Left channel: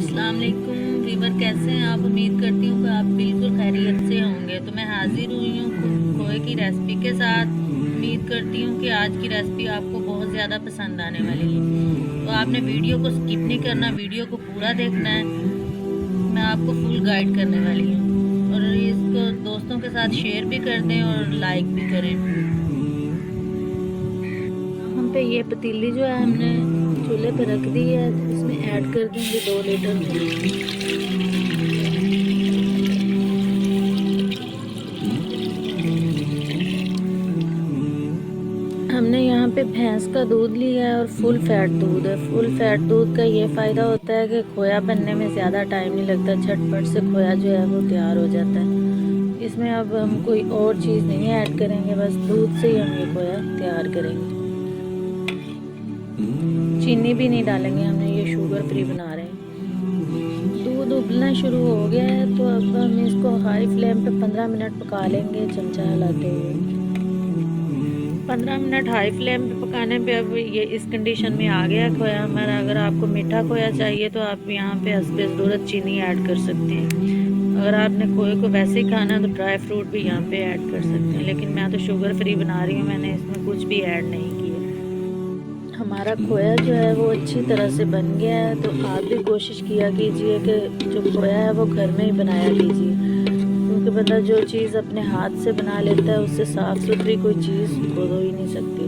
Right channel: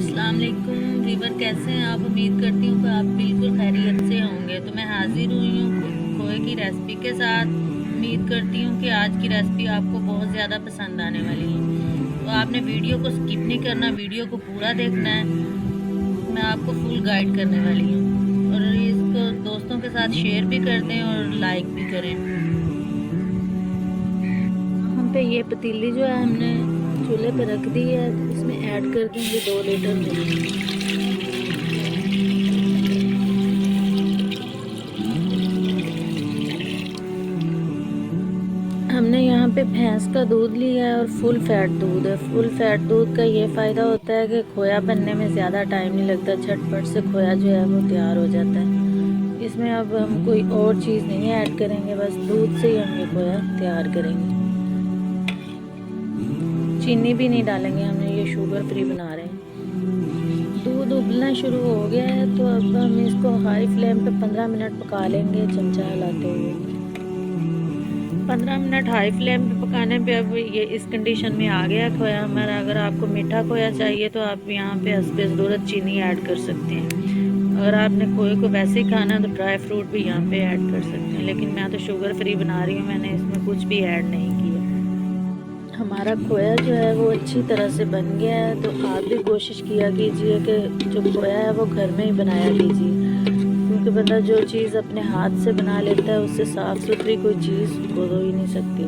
अस्सलाम वालेकुम वीवर, कैसे हैं आप। उम्मीद करती हूँ कि आप बिल्कुल खैरियत से होंगे। तो मैं हाजिर हुई हूँ खोए की रेसिपी के साथ। उम्मीद करती हूँ कि आज की रेसिपी आपको बहुत ज़्यादा पसंद आने वाली है। तो आपने वीडियो को स्किप नहीं करना, वीडियो को पूरा देखना है। मैं आपको फुल गाइड करने वाली हूँ और इसको दोस्तों के साथ शेयर भी कर दें और लाइक भी करें। हम पे ये पतीली जो है हमने चूल्हे पर रख दी है, तो इसमें ऐड कर देंगे 2 लीटर मिल्क। हमने यहाँ पे भैंस का दूध लिया है और फुल फैट दूध है। फुल फैट दूध का ये फ़ायदा होता है कि खोया बनने में ज़्यादा टाइम नहीं लगता, झटपट से खोया जो है वो तैयार हो जाता है। इसमें अब हम कोई और चीज़ नहीं ऐड करेंगे, बस दूध से ही हम ये खोया तैयार करेंगे। चीनी भी नहीं डालेंगे, हमने ये शुगर फ्री बना रहे हैं। दूध उबलना शुरू हो गया है, तो अब हम इसको हाई फ्लेम पे 15 मिनट पका लेंगे, चमचा हिलाते हुए। 15 मिनट हाई फ्लेम पे पकाने पे अब ये इस कंडीशन में आ गया खोया हमारा। अगर आपको मीठा खोया चाहिए तो आप यहाँ पे हस्बे ज़रूरत चीनी ऐड कर सकते हैं। अगर आपने खोए को वैसे ही खाना है तो ड्राई फ्रूट भी यहाँ पे ऐड कर सकते हैं, लेकिन मैं तो शुगर फ्री बना रही हूँ, मैंने इसमें कुछ भी ऐड नहीं किया। हमारा खोया जो है वो अच्छी तरह से बन गया है। तो आप भी कोशिश किया कीजिए कि जो खोया है वो घर में ही बनाया कीजिए, क्योंकि बंदा जो चीज़ अपने हाथ से बना लेता है उससे साफ़ सुथरी कोई चीज़ हो ही नहीं सकती।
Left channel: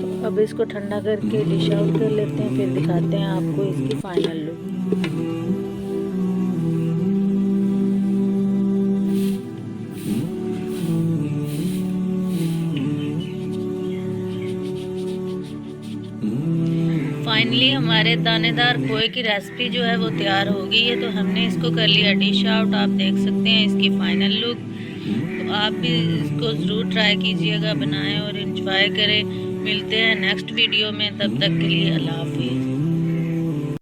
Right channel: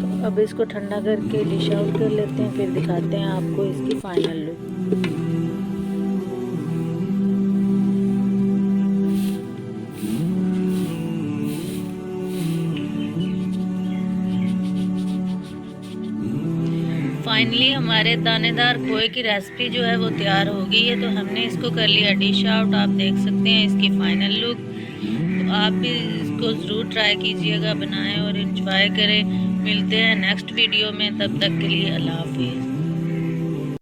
तो अब इसको ठंडा करके डिश आउट कर लेते हैं, फिर दिखाते हैं आपको इसकी फाइनल लुक। फाइनली हमारे दानेदार खोए की रेसिपी जो है वो तैयार हो गई है। तो हमने इसको कर लिया डिश आउट। आप देख सकते हैं इसकी फाइनल लुक। तो आप भी इसको ज़रूर ट्राई कीजिएगा, बनाएं और एंजॉय करें। मिलते हैं नेक्स्ट वीडियो में, तब तक के लिए अल्लाह हाफिज़।